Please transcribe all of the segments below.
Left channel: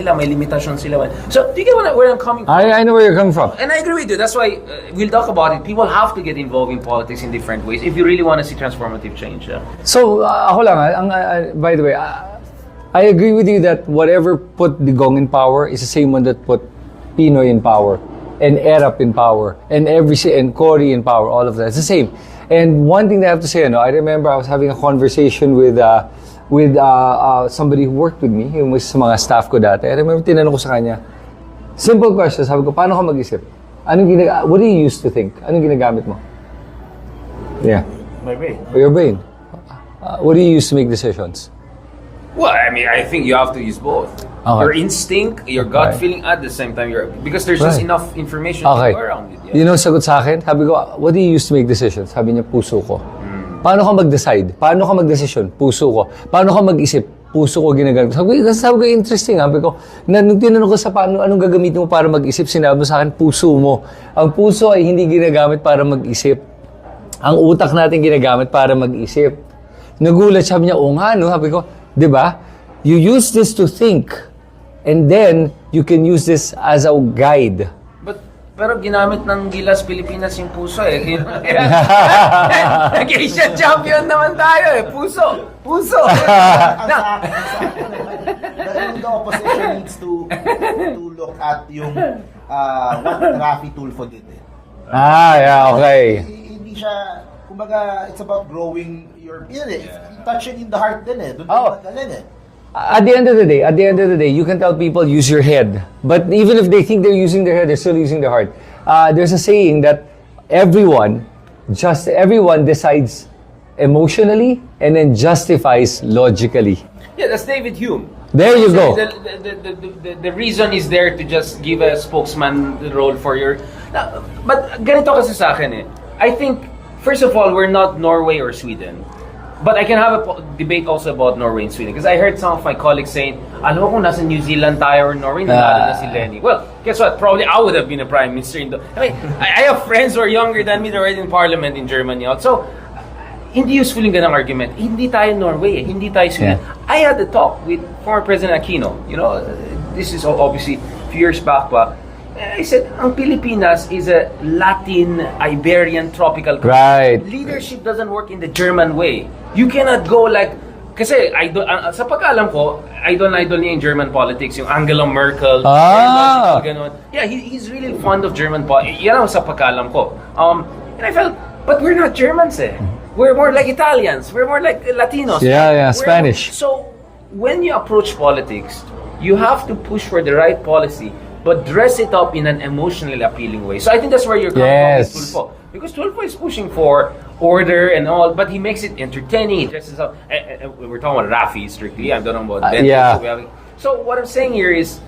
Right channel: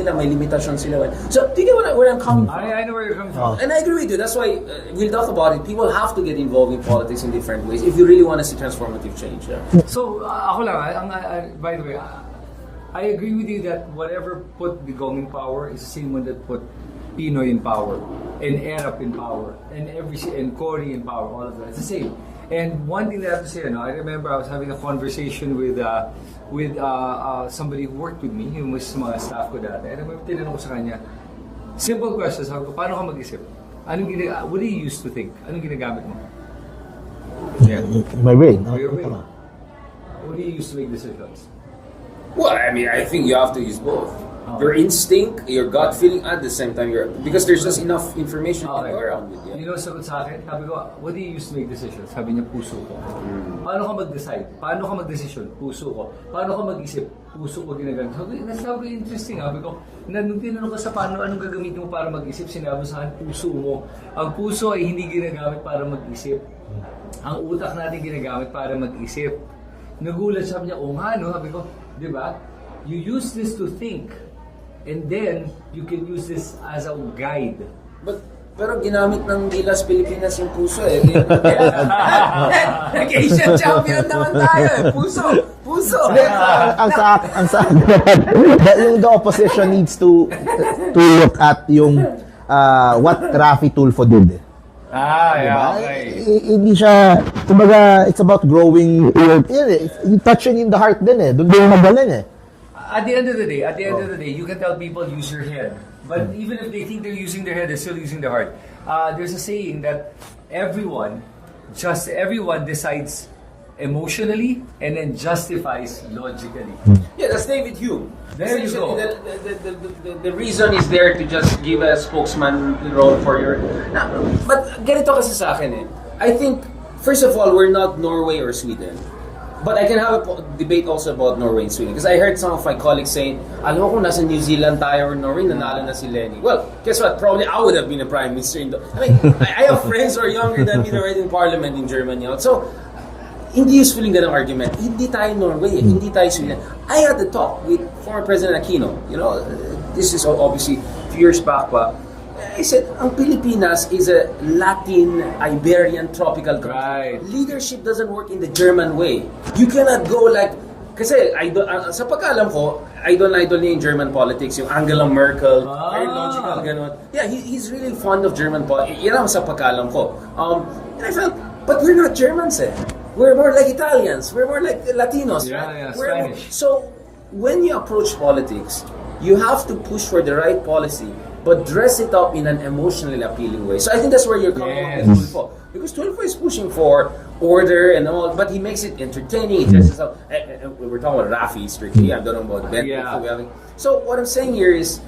nila, may limitasyon sila. So, do you get where I'm coming from? I know where you're coming from. And I agree with you. That's why we'll talk about it. People have to get involved in politics in different ways if you really want to see transformative change. Yeah. So, ako lang, by the way, I agree with you that whatever put Digong in power is the same one that put Pinoy in power, and Erap in power, and Cory in power, all of that. It's the same. And one thing that I have to say, I remember I was having a conversation with somebody who worked with me, yung was sa mga staff ko dati. I remember tinanong ko sa kanya, simple question, sabi ko, paano ka mag-isip? What do you use to think? Anong ginagamit mo? Yeah, my brain. Your brain. What do you use to make decisions? Well, I mean, I think you have to use both. Okay. Your instinct, your gut feeling at the same time. Because there's just enough information to go around it. Yeah. You know, sagot sa akin, sabi ko, what do you use to make decisions? Sabi niya, puso ko. Paano ka mag-decide? Paano ka mag-desisyon? Puso ko. Paano ka mag-isip? Puso ko ginagamit. Sabi ko, interesting. Sabi ko, nung tinanong ko sa paano, anong gagamitin mo para mag-isip, sinabi mo sa akin, puso mo. Ang puso ay hindi ginagamit para mag-isip. Ang utak natin ginagamit para mag-isip. Nagulat, sabi niya, oo nga, no? Sabi ko, di ba? You use this to think. And then, you can use this as a guide. Pero ginamit ng Gilas Pilipinas yung puso eh. Nag-Asian champion naman tayo eh. Puso! ang sa yung the opposition needs to look at yung what Rafi Tulfo did. Yeah, okay. Hindi siya, kumbaga, it's about growing, touching in the heart din eh. Doon din magaling eh. At the end of the day, you can tell people use your head. But even if they think they're using their head, they're still using their heart. There's a saying that everyone decides emotionally and then justifies logically. Yeah, that's David Hume. There you go. The reason is there to just give a spokesman role for your... But ganito kasi sa akin eh. I think, first of all, we're not Norway or Sweden. But I can have a debate also about Norway and Sweden. Because I heard some of my colleagues saying, alam mo kung nasa New Zealand tayo or Norway, nanalo na si Lenny. Well, guess what? Probably I would have been a prime minister. I mean, I have friends who are younger than me that are in parliament in Germany. So, hindi useful yung ganang argument. Hindi tayo Norway, hindi tayo Sweden. Yeah. I had a talk with former President Aquino. You know, this is obviously a few years back pa. I said, ang Pilipinas is a Latin, Iberian, tropical country. Right. Leadership doesn't work in the German way. You cannot go like, kasi sa pagkaalam ko, idol niya in German politics, yung Angela Merkel, logical, ganon. Yeah, he's really fond of German politics. Yan ang sa pagkaalam ko. And I felt, but we're not Germans eh. We're more like Italians. We're more like Latinos. Yeah, Spanish. So, when you approach politics, you have to push for the right policy, but dress it up in an emotionally appealing way. So I think that's where you're coming from with Tulfo. Because Tulfo is pushing for order and all, but he makes it entertaining. He dresses up. We're talking about Rafi strictly. I don't know about Ben. Yeah. So what I'm saying here is,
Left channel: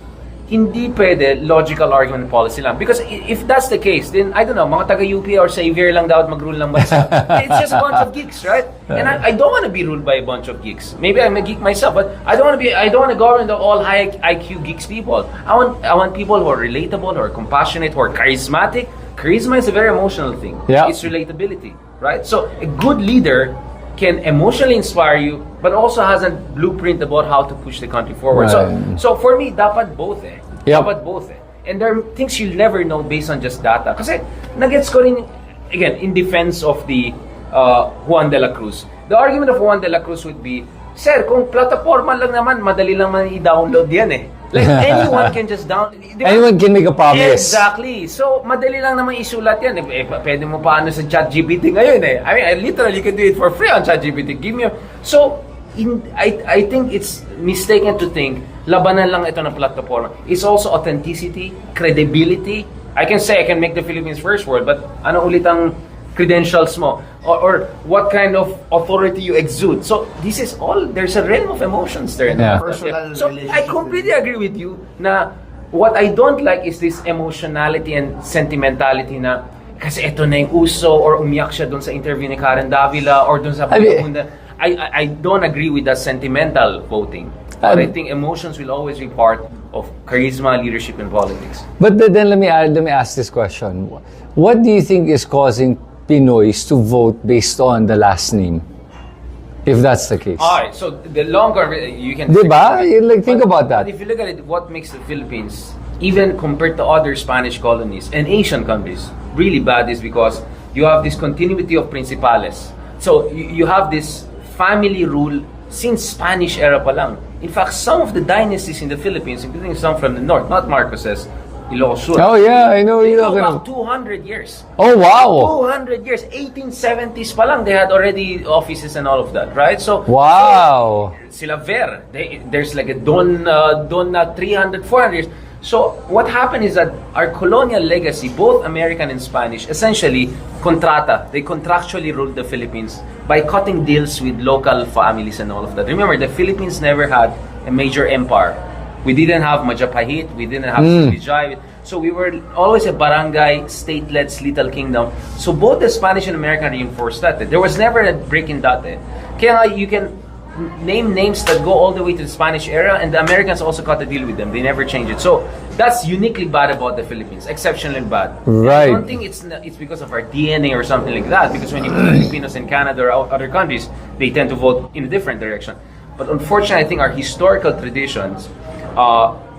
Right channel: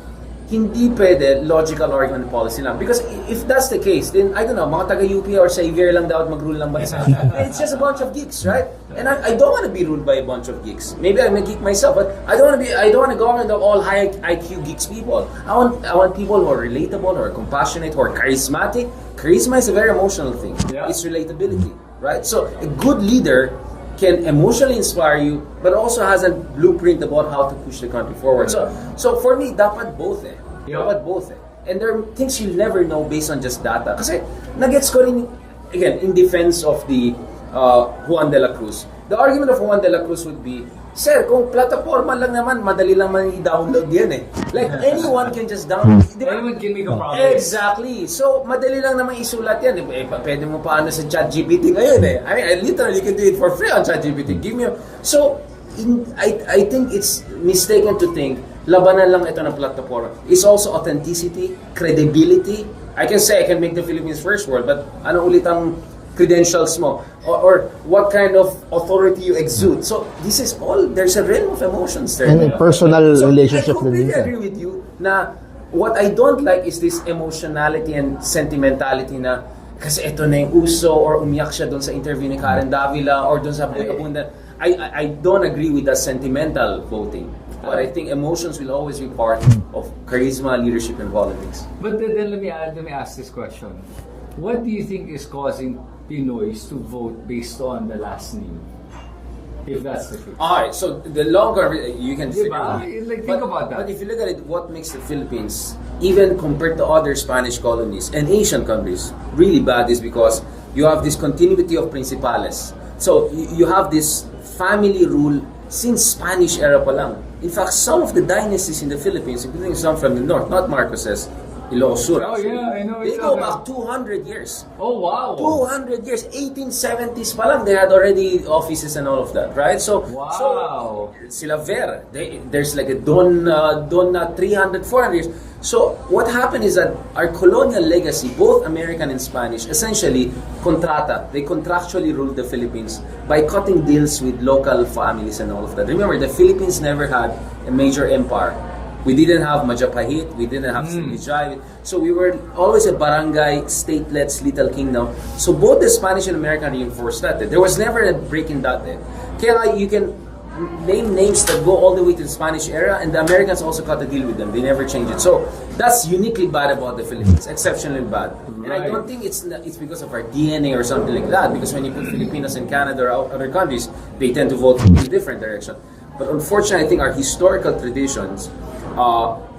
hindi pwede logical argument policy lang. Because if that's the case, then I don't know, mga taga-UP or sa Xavier lang dapat mag-rule ng bansa. It's just a bunch of geeks, right? And I don't want to be ruled by a bunch of geeks. Maybe I'm a geek myself, but I don't want a government of all high IQ geeks people. I want people who are relatable, who are compassionate, who are charismatic. Charisma is a very emotional thing. Yeah. It's relatability, right? So a good leader can emotionally inspire you, but also has a blueprint about how to push the country forward. Right. So for me, dapat both eh. Yep. Dapat both eh. And there are things you'll never know based on just data. Kasi nagets ko rin, again, in defense of the Juan de la Cruz. The argument of Juan de la Cruz would be, sir, kung plataforma lang naman, madali lang man i-download yan eh. Like, anyone can just download. Anyone can make a promise. Exactly. So, madali lang naman isulat yan. Pwede mo pa sa ChatGPT ngayon eh. I mean, literally, you can do it for free on ChatGPT. So, I think it's mistaken to think, labanan lang ito ng plataforma. It's also authenticity, credibility. I can say I can make the Philippines first world, but ano ulit ang credentials mo? Or what kind of authority you exude. So this is all, there's a realm of emotions there. And a personal so relationship. I completely agree with you na what I don't like is this emotionality and sentimentality na kasi ito na yung uso or umiyak siya doon sa interview ni Karen Davila or doon sa I don't agree with that sentimental voting. But I think emotions will always be part of charisma, leadership, and politics. But then let me ask this question. What do you think is causing Pinoys to vote based on the last name? If that's the case. Alright, so the longer you can... Diba? Like, think about that. But if you look at it, what makes the Philippines, even compared to other Spanish colonies and Asian countries, really bad is because you have this continuity of principales. So you have this family rule since Spanish era pa lang. In fact, some of the dynasties in the Philippines, including some from the north, not Marcos's, Ilocos Sur. Oh yeah, I know. They You know. go back 200 years. Oh wow. 200 years, 1870s pa lang, they had already offices and all of that, right? So, Wow. so sila Ver, there's like a Don 300, 400 years. So, what happened is that our colonial legacy, both American and Spanish, essentially, they contractually ruled the Philippines by cutting deals with local families and all of that. Remember, the Philippines never had a major empire. We didn't have Majapahit, we didn't have Srivijay. So we were always a barangay, state-led little kingdom. So both the Spanish and American reinforced that. There was never a break in that. Kaya nga, you can name names that go all the way to the Spanish era, and the Americans also cut a deal with them. They never changed it. So that's uniquely bad about the Philippines, exceptionally bad. Right. And I don't think it's because of our DNA or something like that, because when you put Filipinos in Canada or other countries, they tend to vote in a different direction. But unfortunately, I think our historical traditions,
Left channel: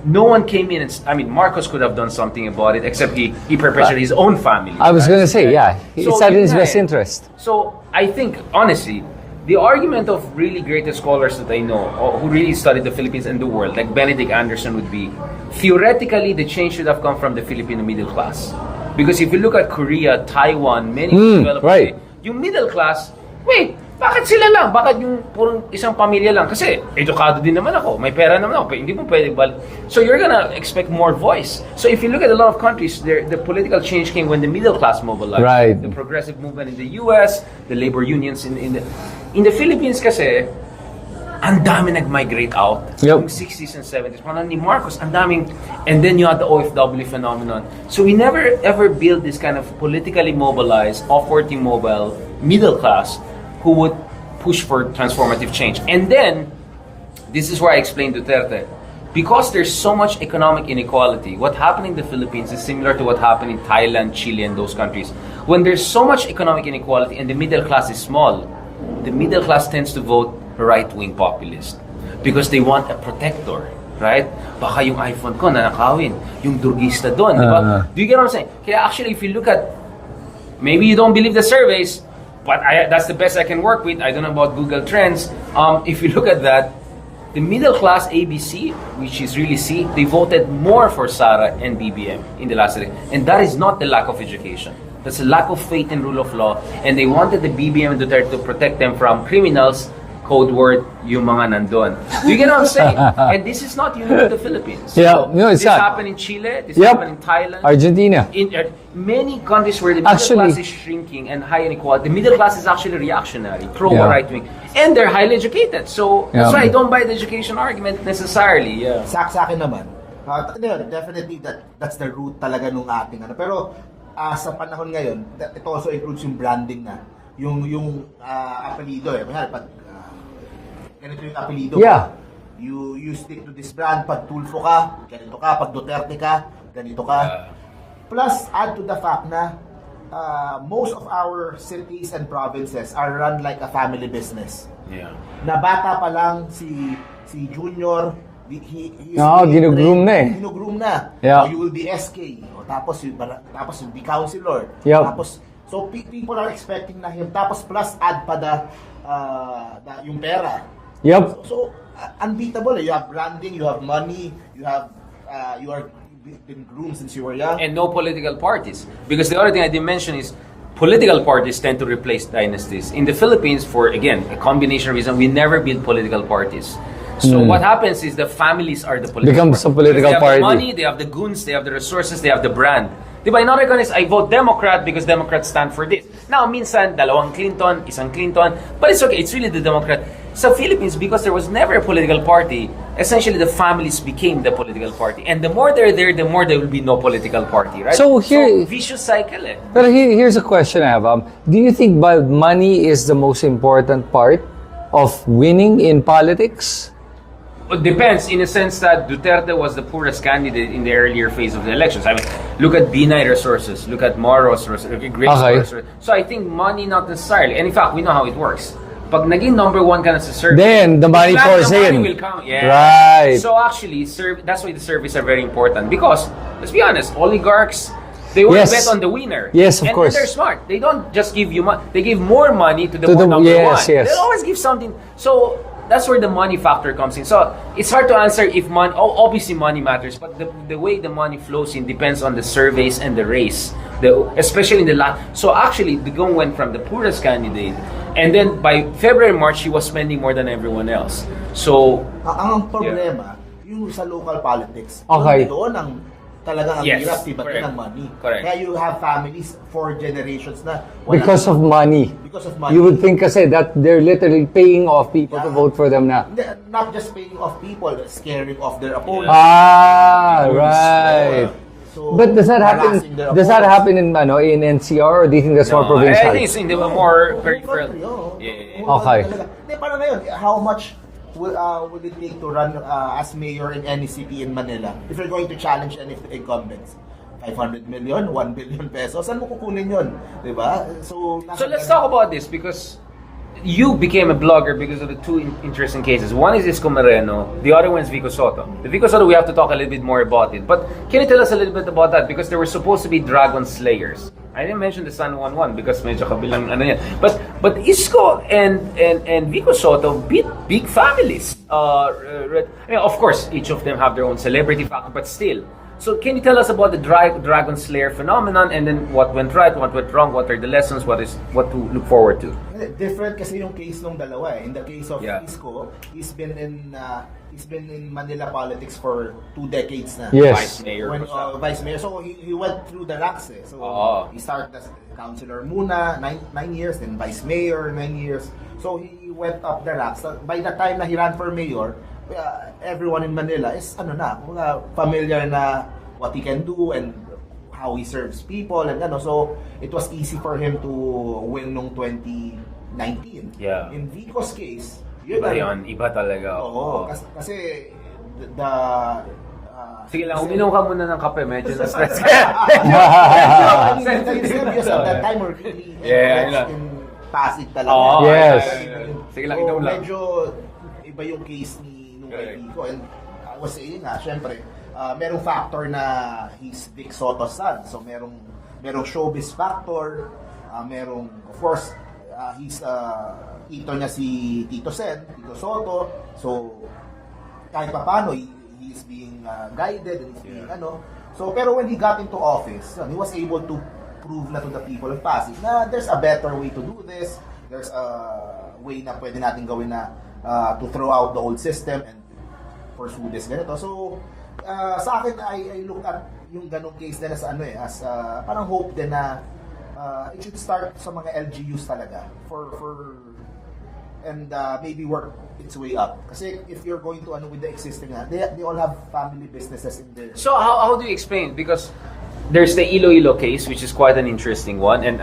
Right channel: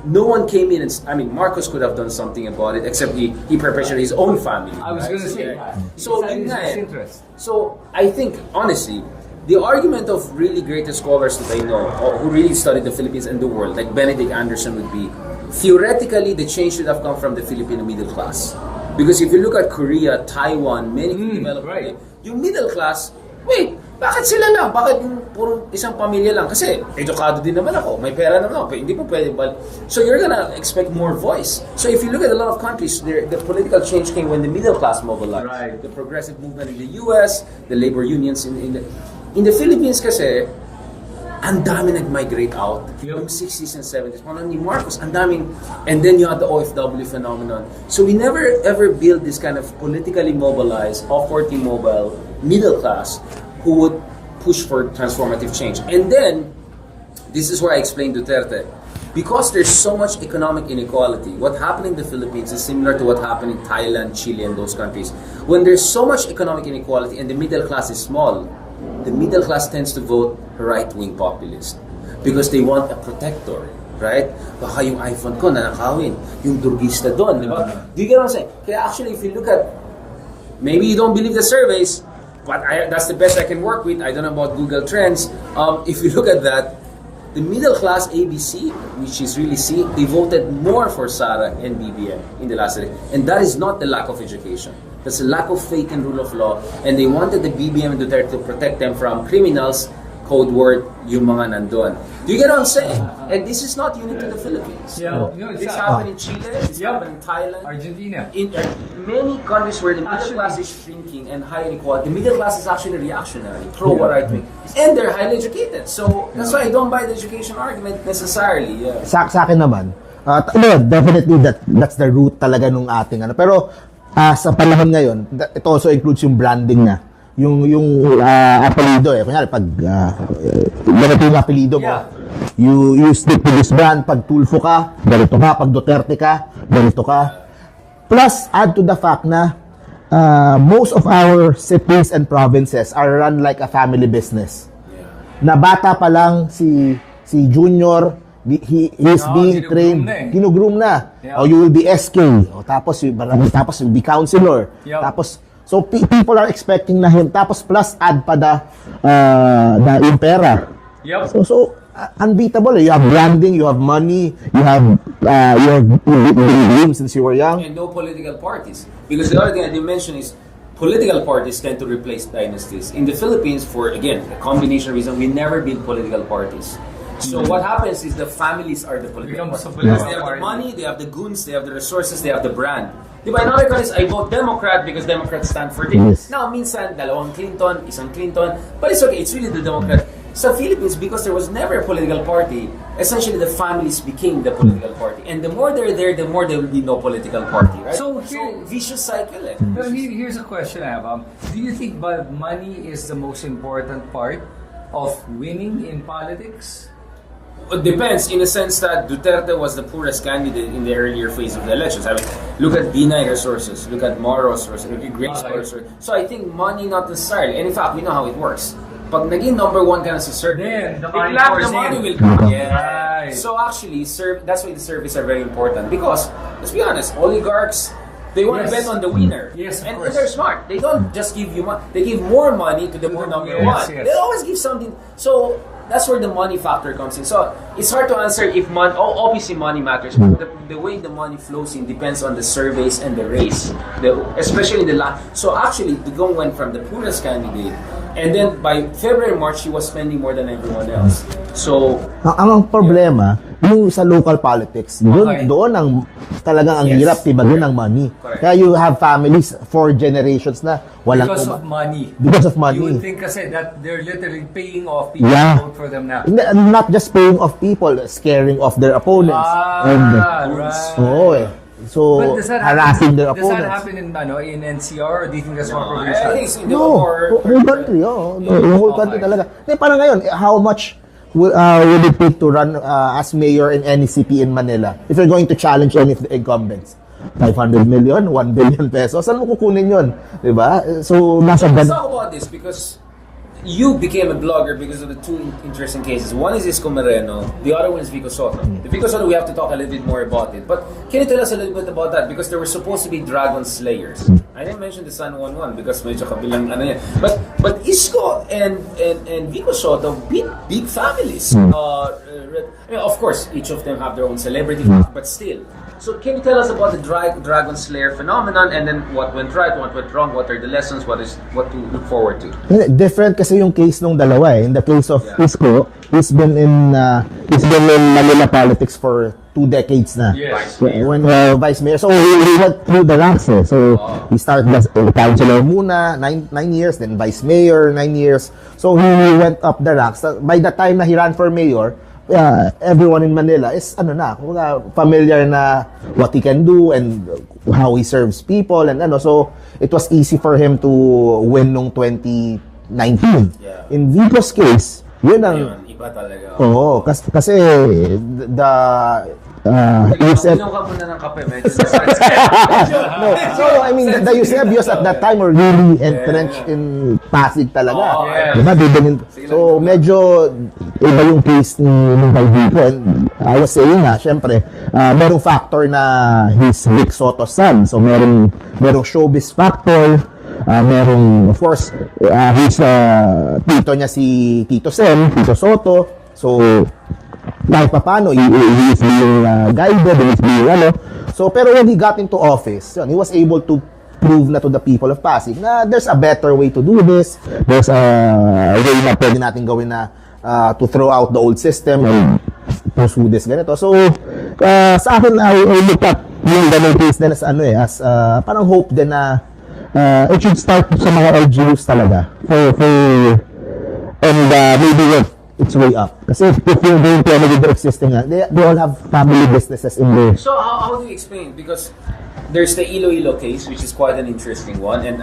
no one came in and, I mean, Marcos could have done something about it, except he perpetuated his own family. I was gonna say, yeah, it's So, not in yun his nga best eh. interest. So I think, honestly, the argument of really greatest scholars that I know, who really studied the Philippines and the world, like Benedict Anderson would be, theoretically, the change should have come from the Filipino middle class. Because if you look at Korea, Taiwan, many developed right. yung middle class, wait, bakit sila lang? Bakit yung purong isang pamilya lang? Kasi edukado din naman ako, may pera naman ako, hindi mo pwede bal. So you're gonna expect more voice. So if you look at a lot of countries, the political change came when the middle class mobilized. Right. The progressive movement in the US, the labor unions in the Philippines kasi, ang dami nag-migrate out. Yep. Yung 60s and 70s. Parang ni Marcos, ang daming, and then you had the OFW phenomenon. So we never ever built this kind of politically mobilized, upwardly mobile, middle class who would push for transformative change. And then, this is where I explained Duterte. Because there's so much economic inequality, what happened in the Philippines is similar to what happened in Thailand, Chile, and those countries. When there's so much economic inequality and the middle class is small, the middle class tends to vote right-wing populist because they want a protector, right? Baka yung iPhone ko nanakawin, yung drugista doon, di ba? Do you get what I'm saying? Kaya actually, if you look at, maybe you don't believe the surveys, but that's the best I can work with. I don't know about Google Trends. If you look at that, the middle class ABC, which is really C, they voted more for Sara and BBM in the last election. And that is not the lack of education. That's a lack of faith in rule of law. And they wanted the BBM and Duterte to protect them from criminals, code word, yung mga nandun. Do you get what I'm saying? And this is not unique to the Philippines. Yeah, no, it's this not. happened in Chile, this happened in Thailand. Argentina. In many countries where the middle class is shrinking and high inequality, the middle class is actually reactionary, pro-right wing. And they're highly educated. So, that's why I don't buy the education argument necessarily. Yeah. Sa akin naman, definitely that's the root talaga nung ating ano. Pero sa panahon ngayon, it also includes yung branding na. Yung apelido kunyari pag ganito yung apelido mo, you stick to this brand. Pag Tulfo ka, ganito ka. Pag Duterte ka, ganito ka. Plus add to the fact na most of our cities and provinces are run like a family business. Na bata pa lang si Junior, he's being trained, ginugroom na. O you will be SK, tapos you'll be counselor, tapos so people are expecting na him, tapos plus add pa yung pera. So unbeatable. You have branding, you have money, you have dreams since you were young. And no political parties. Because the other thing I didn't mention is political parties tend to replace dynasties. In the Philippines, for, again, a combination of reasons, we never build political parties. So what happens is the families are the political Becomes party. a political They have party. the money, they have the goons, they have the resources, they have the brand. Diba, in other countries, I vote Democrat because Democrats stand for this. Yes. Now, minsan, dalawang Clinton, isang Clinton, but it's okay, it's really the Democrat. Sa Philippines, because there was never a political party, essentially the families became the political party. And the more they're there, the more there will be no political party, right? So here, vicious cycle. But here's a question I have. Do you think money is the most important part of winning in politics? It depends, in a sense that Duterte was the poorest candidate in the earlier phase of the elections. I mean, look at B9 resources, look at Moro's resources, look at Grace resources. So I think money not necessarily, and in fact, we know how it works. pag naging number one ka na sa survey, Then, the money biglang pours the money in. will come. Yes. Right. So actually, that's why the surveys are very important because, let's be honest, oligarchs, they want Yes. to bet on the winner. Yes, of course. And they're smart. They don't just give you money. They give more money to the number yes, one. yes. They always give something. So that's where the money factor comes in. So it's hard to answer if money. Obviously, money matters, but the way the money flows in depends on the surveys and the race. Especially in the last. So actually, the Gong went from the poorest candidate, and then by February, March, he was spending more than everyone else. So Ang problema, yung sa local politics, Okay. doon ang talagang ang Yes. hirap tibagin Correct. ng money. Correct. Kaya you have families for generations na walang Because of money. Because of money. You would think kasi that they're literally paying off people Yeah. to vote for them na. Not just paying off people, scaring off their opponents. Right. So, But does that harassing happen? their Does that opponents. happen in NCR or do you think that's more provincial? I think it's in the No, more whole country, yung whole country Okay. talaga. Hindi, parang ngayon, how much would it take to run as mayor in any city in Manila if you're going to challenge any of the incumbents? 500 million, 1 billion pesos. Saan mo kukunin yun? Diba? So, nasa So let's ban- talk about this because you became a blogger because of the two interesting cases. One is Isko Moreno, the other one is Vico Soto. The Vico Soto, we have to talk a little bit more about it. But can you tell us a little bit about that? Because there were supposed to be dragon slayers. I didn't mention the San Juan one because medyo kabilang ano yan. But Isko and Vico Soto beat big families. I mean, of course, each of them have their own celebrity factor, but still. So can you tell us about the Dragon Slayer phenomenon and then what went right, what went wrong, what are the lessons, what to look forward to? Different kasi yung case nung dalawa eh. In the case of Yeah. Isko, he's been in Manila politics for 2 decades na. Yes. Vice mayor. When vice mayor. So he went through the ranks eh. So he started as councilor muna, 9 years, then vice mayor, 9 years. So he went up the ranks. By the time na he ran for mayor, everyone in Manila is familiar na what he can do and how he serves people and so it was easy for him to win nung 2019. Yeah. In Vico's case, yun ang Ayun, iba talaga. Oo, kasi the Inom ka muna ng kape, medyo na-stress. I mean, the Eusebius at that time were really entrenched in Pasig talaga. Yes. Sige lang, So, ikaw lang. medyo iba yung case ni kay Vico. And I was saying nga, syempre, merong factor na he's Vic Soto's son. So, merong showbiz factor. Merong, of course, he's tito niya si Tito Sen, Tito Soto. So, kahit pa paano, he is being guided, he is being So, pero when he got into office, he was able to prove na to the people of Pasig na there's a better way to do this. There's a way na pwede natin gawin na to throw out the old system and pursue this ganito. So, sa akin, I look at yung ganun case din as parang hope din na it should start sa mga LGUs talaga and maybe work its way up. Kasi if you're going to with the existing, they all have family businesses in there. So how do you explain? Because there's the Iloilo case, which is quite an interesting one, and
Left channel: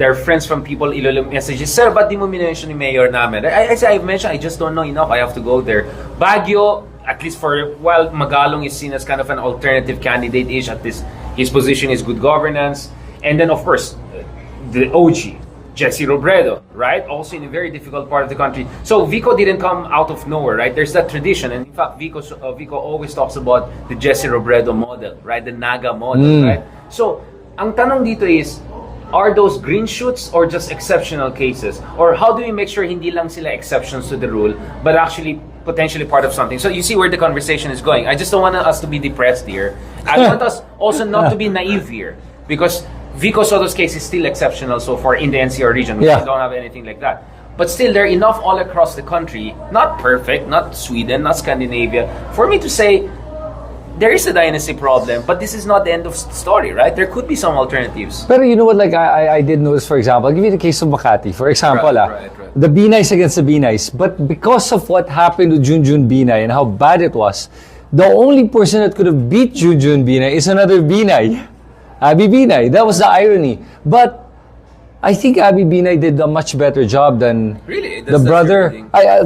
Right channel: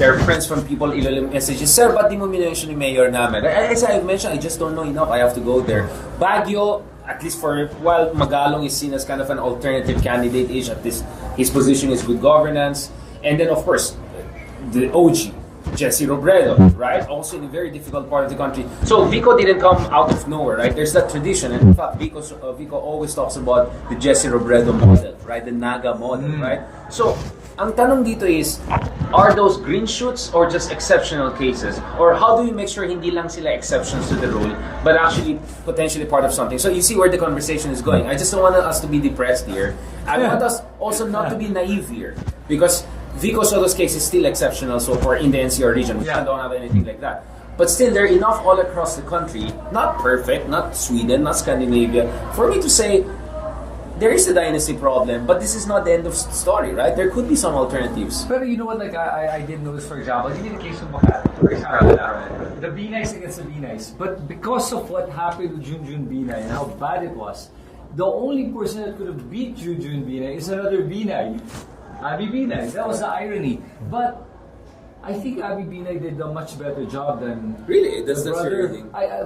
there are friends from people Iloilo messages, Sir, ba't di mo minention ni Mayor namin? I've mentioned, I just don't know enough, I have to go there. Baguio, at least for while Magalong is seen as kind of an alternative candidate-ish, at least his position is good governance, and then of course, the OG, Jesse Robredo, right? Also in a very difficult part of the country. So Vico didn't come out of nowhere, right? There's that tradition, and in fact, Vico always talks about the Jesse Robredo model, right? The Naga model, right? So ang tanong dito is, are those green shoots or just exceptional cases? Or how do we make sure hindi lang sila exceptions to the rule, but actually potentially part of something? So you see where the conversation is going. I just don't want us to be depressed here. I want us also not to be naive here, because Vico Soto's case is still exceptional so far in the NCR region. We don't have anything like that. But still, there are enough all across the country, not perfect, not Sweden, not Scandinavia, for me to say there is a dynasty problem, but this is not the end of the story, right? There could be some alternatives. Pero you know what, like I did notice, for example, I'll give you the case of Makati. For example, Right. the Binays against the Binays. But because of what happened to Junjun Binay and how bad it was, the only person that could have beat Junjun Binay is another Binay. Abby Binay. That was the irony. But I think Abby Binay did a much better job than Really? the brother.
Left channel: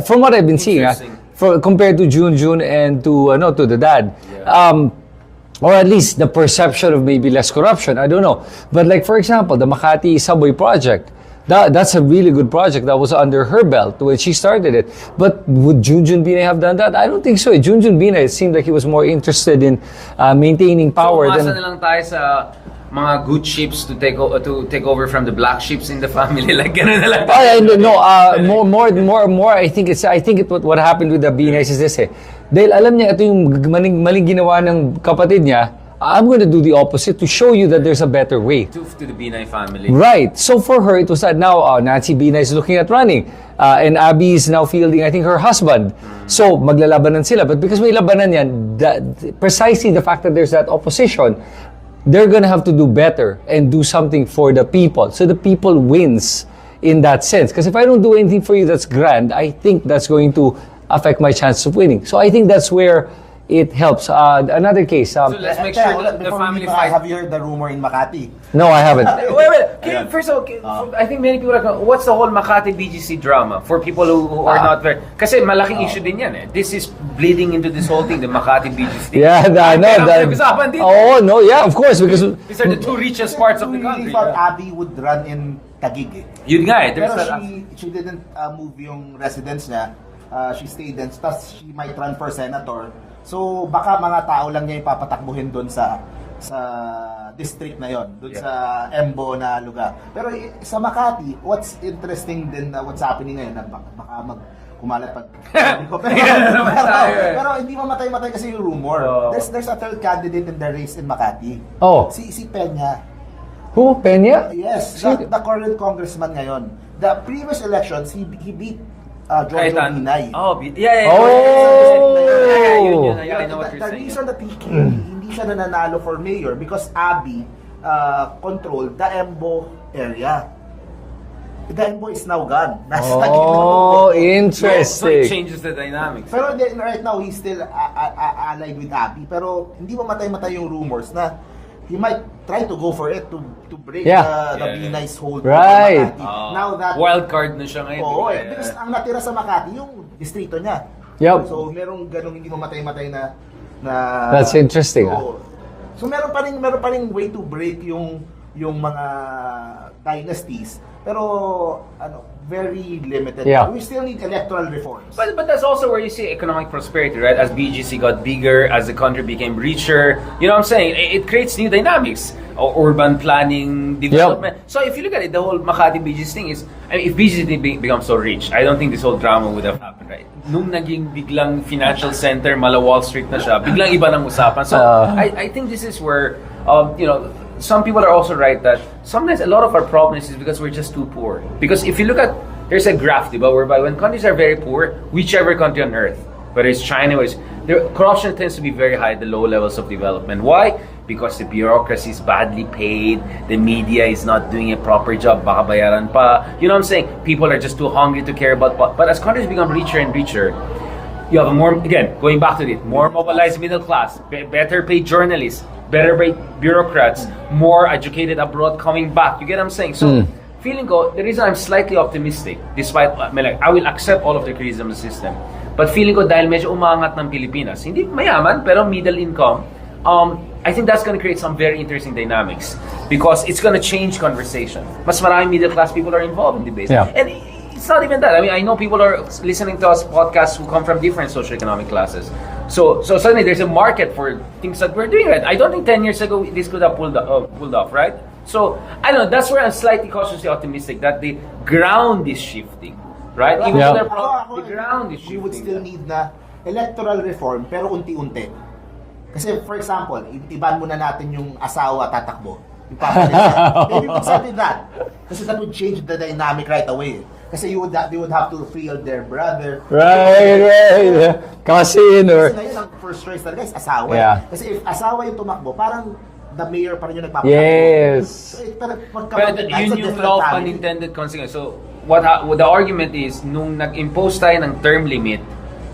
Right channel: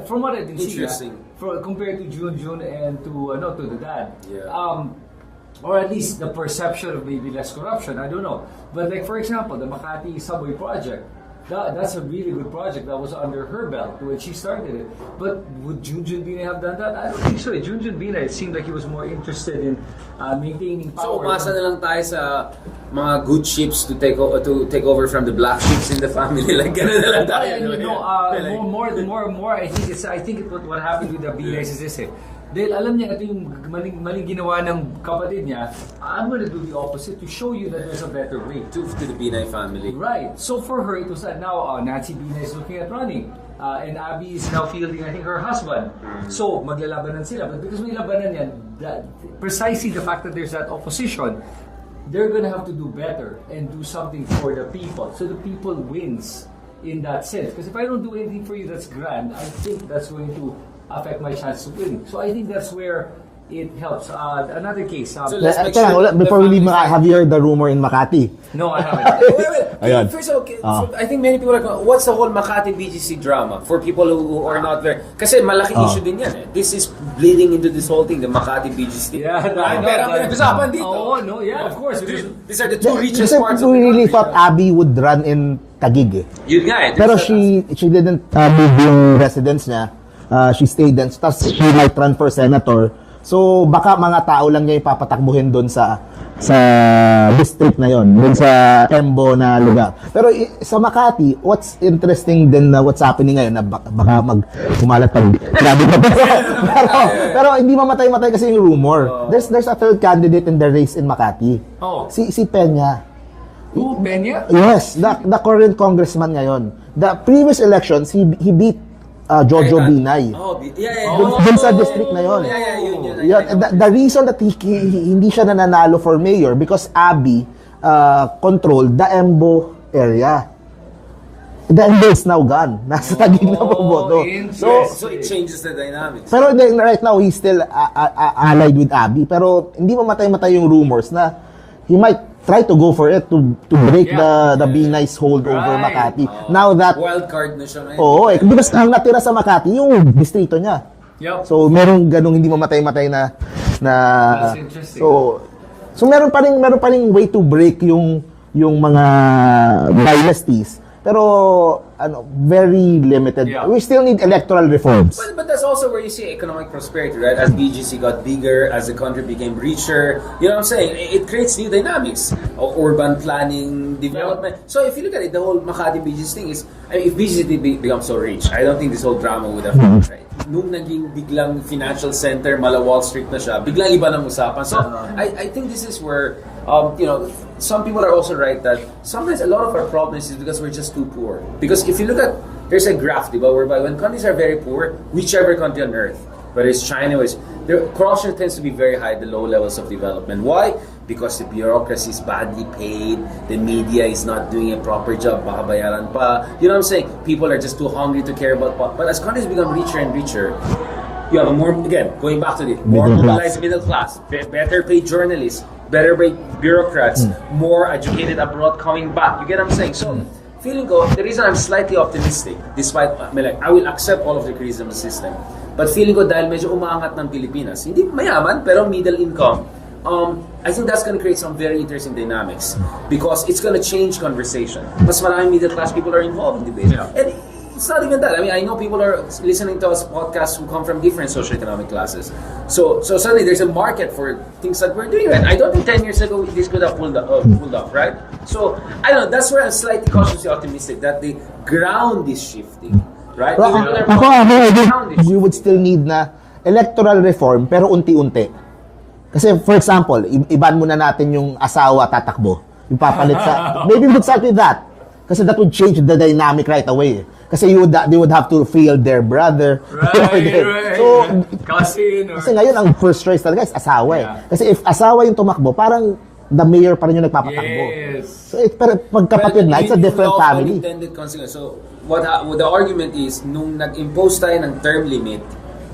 From what I've been seeing, Interesting. compared to Junjun and to the dad. Yeah. Or at least the perception of maybe less corruption. I don't know. But like, for example, the Makati subway project. That's a really good project that was under her belt when she started it. But would Junjun Binay have done that? I don't think so. Junjun Binay, it seemed like he was more interested in maintaining power. So umasa na lang tayo sa mga good ships to take over from the black ships in the family. Like ganun na lang tayo. More. I think what happened with the Binays is this Dahil alam niya ito yung maling ginawa ng kapatid niya, I'm going to do the opposite to show you that there's a better way. To the Binay family. Right. So for her, it was that now Nancy Binay is looking at running. And Abby is now fielding, I think, her husband. So maglalabanan sila. But because may labanan yan, precisely the fact that there's that opposition, they're gonna have to do better and do something for the people. So the people wins in that sense. Because if I don't do anything for you that's grand, I think that's going to affect my chances of winning. So I think that's where it helps. Another case. So let's make sure before we leave, have you heard the rumor in Makati? No, I haven't. wait. First of all, I think many people are what's the whole Makati BGC drama for people who are not very... Kasi malaking issue din yan This is bleeding into this whole thing, the Makati BGC. Yeah, of course. Because these are the two richest parts of the country. We really thought Abby would run in Taguig Yun nga Pero she didn't move yung residence niya. She stayed then. Tapos she might run for senator. So baka mga tao lang niya ipapatakbuhin doon sa district na yon, doon sa Embo na lugar. Pero sa Makati, what's interesting din na what's happening ngayon na baka kumalat pag pero hindi mamatay-matay kasi yung rumor. There's a third candidate in the race in Makati. Si Peña. Who? Peña? Yes, the current congressman ngayon. The previous elections, he beat Jojo Binay. Dun sa district na yun. The reason that hindi siya nananalo for mayor because Abby controlled the Embo area. The Embo is now gone. Nasa Taguig na boto. Interesting. So it changes the dynamics. Pero right now, he's still allied with Abby. Pero hindi mamatay-matay yung rumors na he might try to go for it to break the Binay's hold over Makati. Now that wild card na siya ngayon. Because ang natira sa Makati yung distrito niya. Yep. So merong ganung hindi mamatay-matay na That's interesting. So meron pa ring way to break yung mga dynasties. Pero very limited. We still need electoral reforms. But that's also where you see economic prosperity, right? As BGC got bigger, as the country became richer, you know what I'm saying? It creates new dynamics. Urban planning, development. So if you look at it, the whole Makati BGC thing is, if BGC becomes so rich, I don't think this whole drama would have happened, right? Nung naging biglang financial center, mala Wall Street na siya, biglang iba ng usapan. So I think this is where, some people are also right that sometimes a lot of our problems is because we're just too poor. Because if you look at, there's a graph, diba, whereby when countries are very poor, whichever country on earth, whether it's China or corruption tends to be very high at the low levels of development. Why? Because the bureaucracy is badly paid, the media is not doing a proper job, baka bayaran pa. You know what I'm saying? People are just too hungry to care about. But as countries become richer and richer, you have a more, again, going back to it, more mobilized middle class, better paid journalists, better paid bureaucrats, more educated abroad coming back. You get what I'm saying? So, feeling ko, the reason I'm slightly optimistic, despite, I will accept all of the criticism of the system, but feeling ko dahil medyo umaangat ng Pilipinas, hindi mayaman, pero middle income, I think that's going to create some very interesting dynamics because it's going to change conversation. Mas maraming middle class people are involved in debate. Yeah. And it's not even that. I mean, I know people are listening to us podcasts who come from different socioeconomic classes. So suddenly there's a market for things that we're doing. Right? I don't think 10 years ago this could have pulled off, right? So I don't know. That's where I'm slightly cautiously optimistic that the ground is shifting, right? You would still need na electoral reform pero unti-unti. Kasi for example, iban muna natin yung asawa tatakbo. Yung papalit ka. Maybe we would start with that. Kasi that would change the dynamic right away. Kasi they would have to field their brother. Right. Kasi ngayon, ang first choice talaga is asawa. Kasi if asawa yung tumakbo, parang the mayor pa rin yung nagpapatakbo. Yes. So, pero pagkapatid na, it's a different family. Unintended consequence. So, what the argument is, nung nag-impose tayo ng term limit,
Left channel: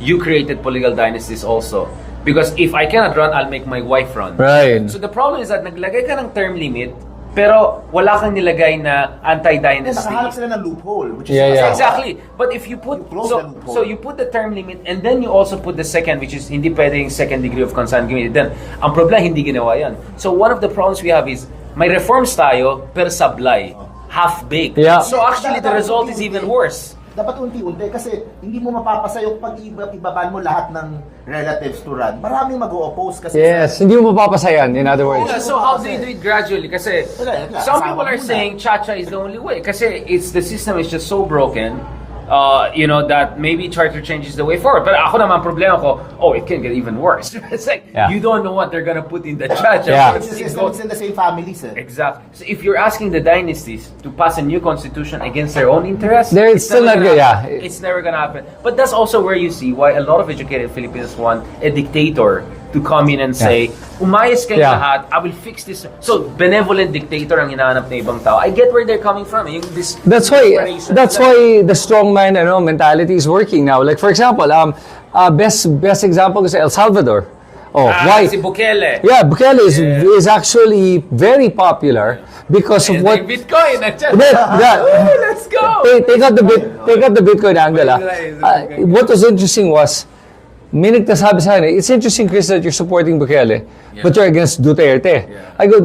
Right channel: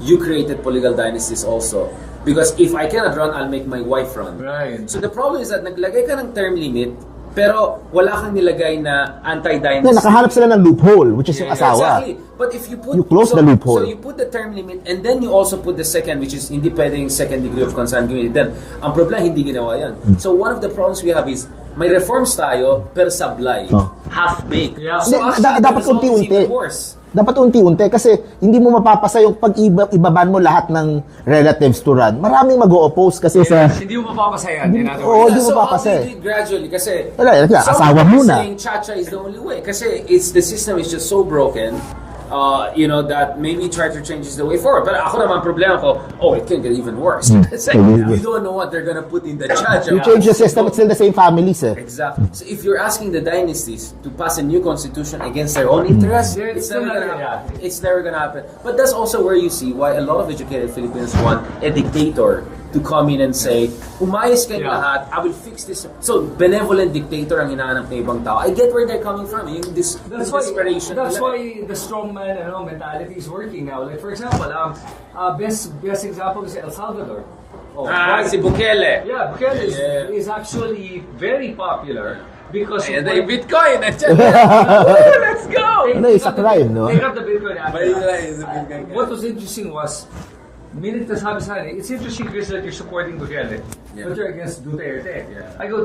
you created political dynasties also. Because if I cannot run, I'll make my wife run. Right. So the problem is that naglagay ka ng term limit, pero wala kang nilagay na anti-dynasty. Nakahanap sila ng loophole, which is yung asawa. Exactly. But if you close the loophole. So you put the term limit and then you also put the second, which is hindi pwedeng second degree of consanguinity. Then, ang problema, hindi ginawa yan. So one of the problems we have is may reforms tayo, pero sablay. Half-baked. Yeah. So actually, the Dapat result is unti-unti. even worse. Dapat unti-unti kasi hindi mo mapapasa yung pag ibaban mo lahat ng relatives to run. Maraming mag-o-oppose kasi Yes, hindi mo mapapasayan, in other Oo, words. di So mo how papasa do eh. you do it gradually? Kasi Wala, some asawa people are muna. saying cha-cha is the only way. Kasi the system is just so broken. That maybe charter change is the way forward. But ako naman problema ko, it can get even worse. It's like, you don't know what they're gonna put in the cha-cha. Yeah. Change the system, it's still the same families eh. Exactly. So if you're asking the dynasties to pass a new constitution against their own interests, It's still not never good, gonna- yeah. it's never gonna happen. But that's also where you see why a lot of educated Filipinos want a dictator to come in and say, umayos kayong Yeah. lahat, I will fix this. So, benevolent dictator ang hinahanap ng ibang tao. I get where they're coming from. That's why the strongman mentality is working now. Like for example, best example is El Salvador. Why? Si Bukele. Yeah, Bukele is actually very popular because of And what. Bitcoin. Let's go. Take up the no? Bitcoin angle. What was interesting was, minute nasabi sa akin, it's interesting, Chris, that you're supporting Bukele, but you're against Duterte. I go,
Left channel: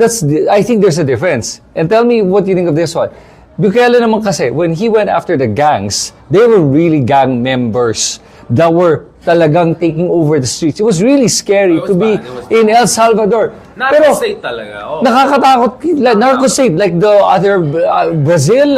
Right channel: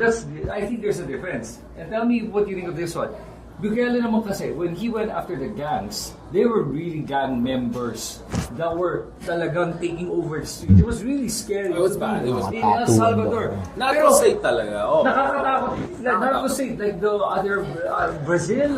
I think there's a difference. And tell me what you think of this one. Bukele naman kasi, when he went after the gangs, they were really gang members that were talagang taking over the streets. It was really scary to be in El Salvador. Narco-state talaga. Nakakatakot, like narco-state, like the other Brazil,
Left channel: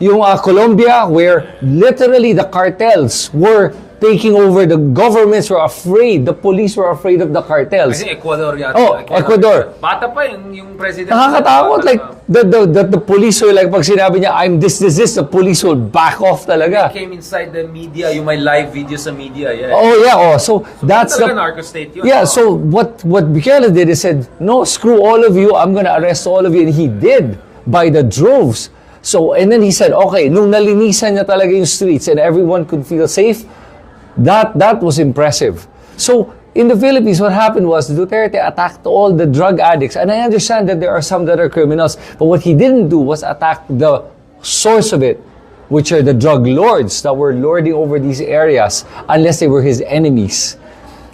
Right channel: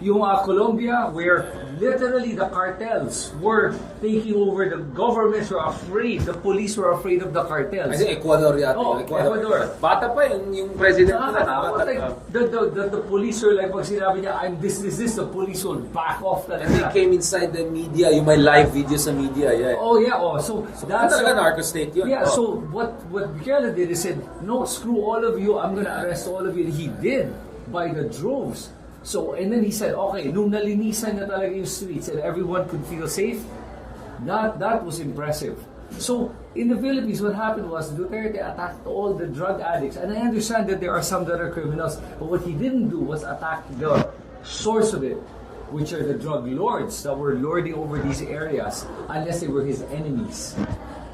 yung Colombia, where literally the cartels were taking over. The governments were afraid. The police were afraid of the cartels. Kasi Ecuador yata. Ecuador. Bata pa yung president. Nakakatakot. Like, the police were like, pag sinabi niya, I'm this, the police will back off talaga. He came inside the media, yung may live video sa media. Yeah. So that's Talaga narco-state yun. Yeah, so what Bukele did is said, no, screw all of you, I'm gonna arrest all of you. And he did, by the droves. So, and then he said, okay, nung nalinisan niya talaga yung streets and everyone could feel safe, that was impressive. So, in the Philippines, what happened was Duterte attacked all the drug addicts. And I understand that there are some that are criminals, but what he didn't do was attack the source of it, which are the drug lords that were lording over these areas, unless they were his enemies.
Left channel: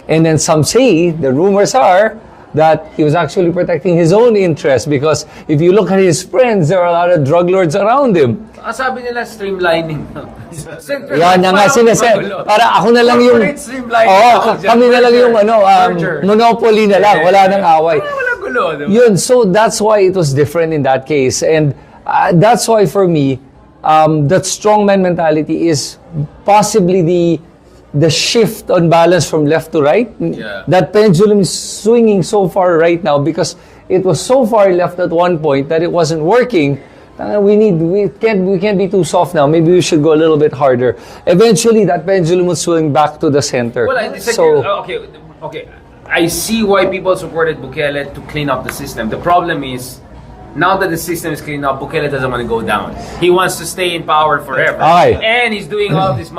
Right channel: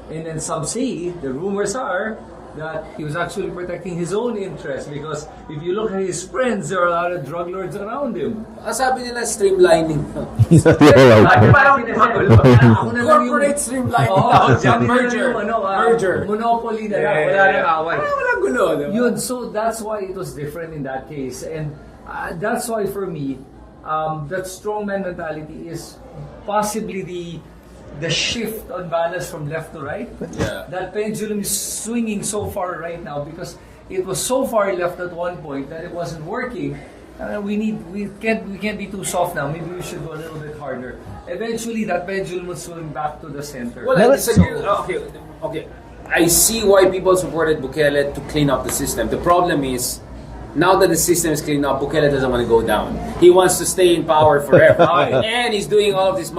And then some say, the rumors are, that he was actually protecting his own interests, because if you look at his friends, there are a lot of drug lords around him. Sabi nila streamlining. Yan na nga sinasabi. Para ako na lang yung... Corporate streamlining. Kami na lang yung Merger. monopoly na lang. Wala nang away. Walang gulo. Diba? Yun, so that's why it was different in that case. And that's why for me, that strongman mentality is possibly the shift on balance from left to right. Yeah. That pendulum is swinging so far right now because it was so far left at one point that it wasn't working. We can't be too soft now. Maybe we should go a little bit harder. Eventually, that pendulum will swing back to the center. Well, I disagree. Okay. I see why people supported Bukele to clean up the system. The problem is, now that the system is cleaned up, Bukele doesn't want to go down. He wants to stay in power forever. And he's doing all this.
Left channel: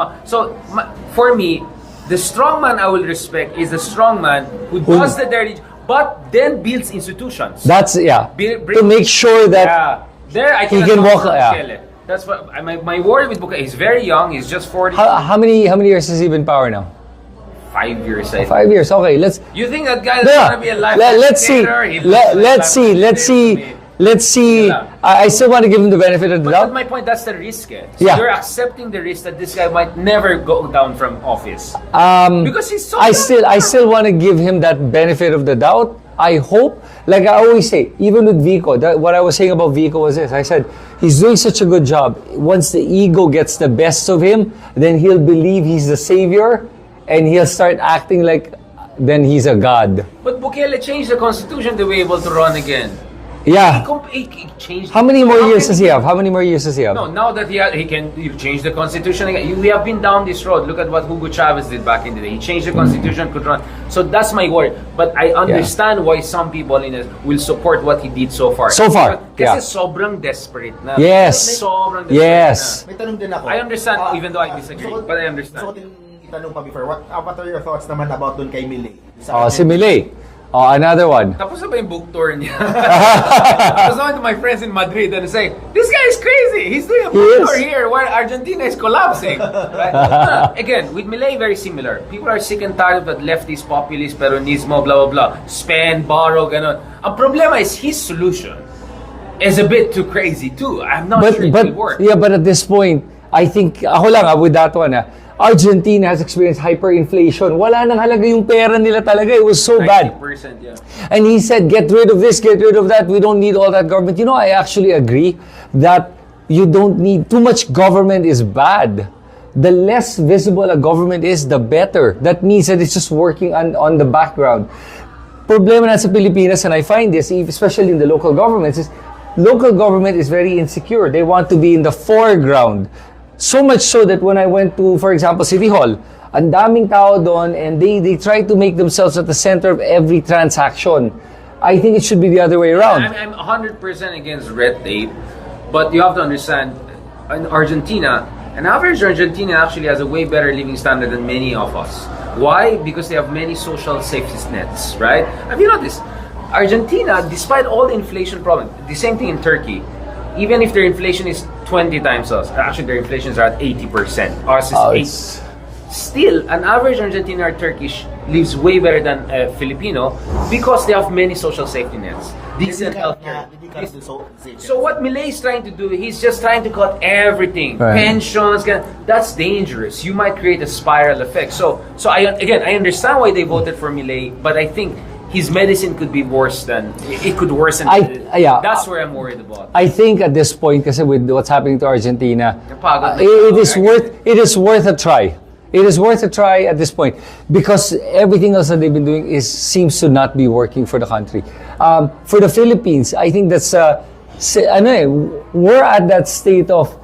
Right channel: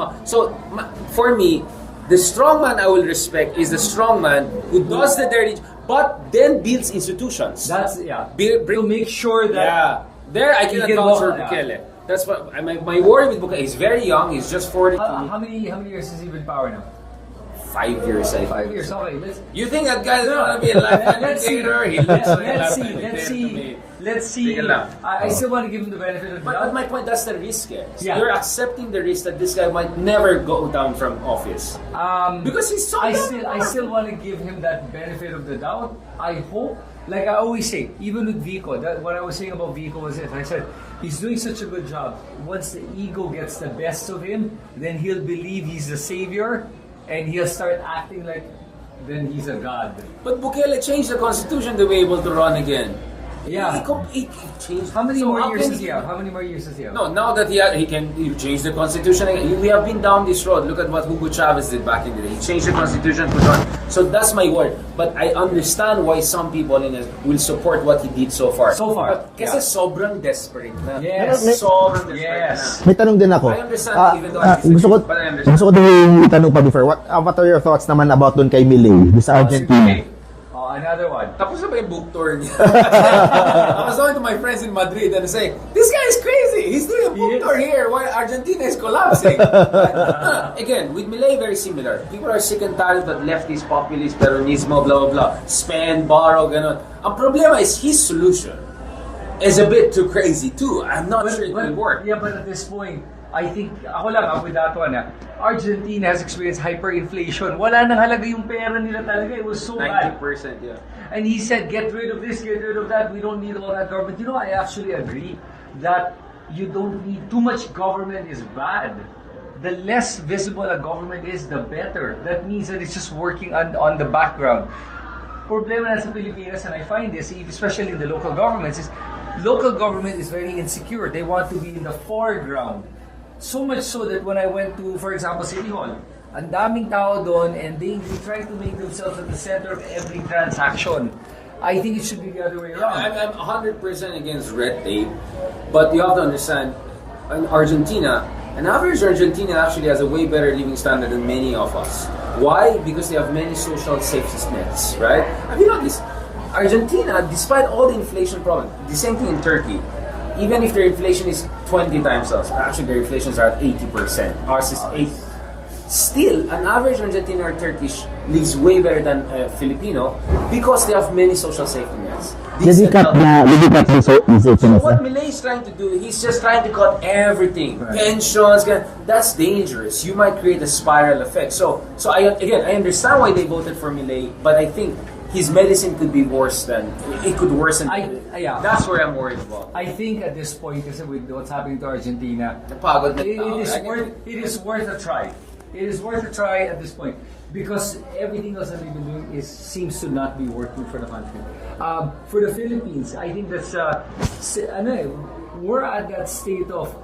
For me, the strongman I will respect is the strongman who does the dirty, but then builds institutions. That's, to make sure that there I he can walk. Bukele. That's what my worry with Bukele. He's very young. He's just 40. How many years has he been in power now? 5 years. I think. 5 years. Okay, let's. You think that guy is going to be alive? Let's see. I still want to give him the benefit of the doubt. But my point, that's the risk. So Yeah. you're accepting the risk that this guy might never go down from office. Because he's so I still want to give him that benefit of the doubt. I hope, like I always say, even with Vico, what I was saying about Vico was this. I said, he's doing such a good job. Once the ego gets the best of him, then he'll believe he's the savior, and he'll start acting like then he's a god. But Bukele changed the constitution to be able to run again. Yeah. He changed. How many So more how years can does he have? How many more years does he have? No, now that he can change the constitution again. We have been down this road. Look at what Hugo Chavez did back in the day. He changed the constitution to run. So that's my word. But I understand why some people in it will support what he did so far. Kasi sobrang desperate na. Yes. Sobrang desperate Yes. May tanong din ako. I understand even though I disagree, but I understand. Gusto ko din yung tanong pa before. What are your thoughts naman about doon kay Milei? Si Milei. Oh, another one. Tapos na ba yung book tour niya? I was talking to my friends in Madrid and saying, this guy is crazy. He's doing a book tour here while Argentina is collapsing. Right? Again, with Milei, very similar. People are sick and tired of that leftist, populist, peronismo, blah, blah, blah. Spend, borrow, ganon. Ang problema is his solution is a bit too crazy too. I'm not sure it will work. Yeah, but at this point, I think, ako lang with that one, Argentina has experienced hyperinflation. Wala nang halaga yung pera nila talaga. It was so bad. 90%, yeah. And he said, get rid of this, get rid of that. We don't need all that government. You know, I actually agree that you don't need too much government is bad. The less visible a government is, the better. That means that it's just working on the background. Problema na sa Pilipinas, and I find this, especially in the local governments, is local government is very insecure. They want to be in the foreground. So much so that when I went to, for example, City Hall, ang daming tao doon and they try to make themselves at the center of every transaction. I think it should be the other way around. I'm 100% against red tape, but you have to understand, in Argentina, an average Argentinian actually has a way better living standard than many of us. Why? Because they have many social safety nets, right? Have you noticed? Argentina, despite all the inflation problem, the same thing in Turkey, even if their inflation is 20 times us, actually their inflations are at 80%. Ours is 8. Still, an average Argentinian or Turkish lives way better than a Filipino because they have many social safety nets. Decent health. So what Milei is trying to do, he's just trying to cut everything. Right. Pensions, that's dangerous. You might create a spiral effect. So I understand why they voted for Milei, but I think his medicine could be worse than it could worsen. That's where I'm worried about. I think at this point, kasi with what's happening to Argentina, it is worth a try. It is worth a try at this point because everything else that they've been doing seems to not be working for the country. For the Philippines, I think that's we're at that state of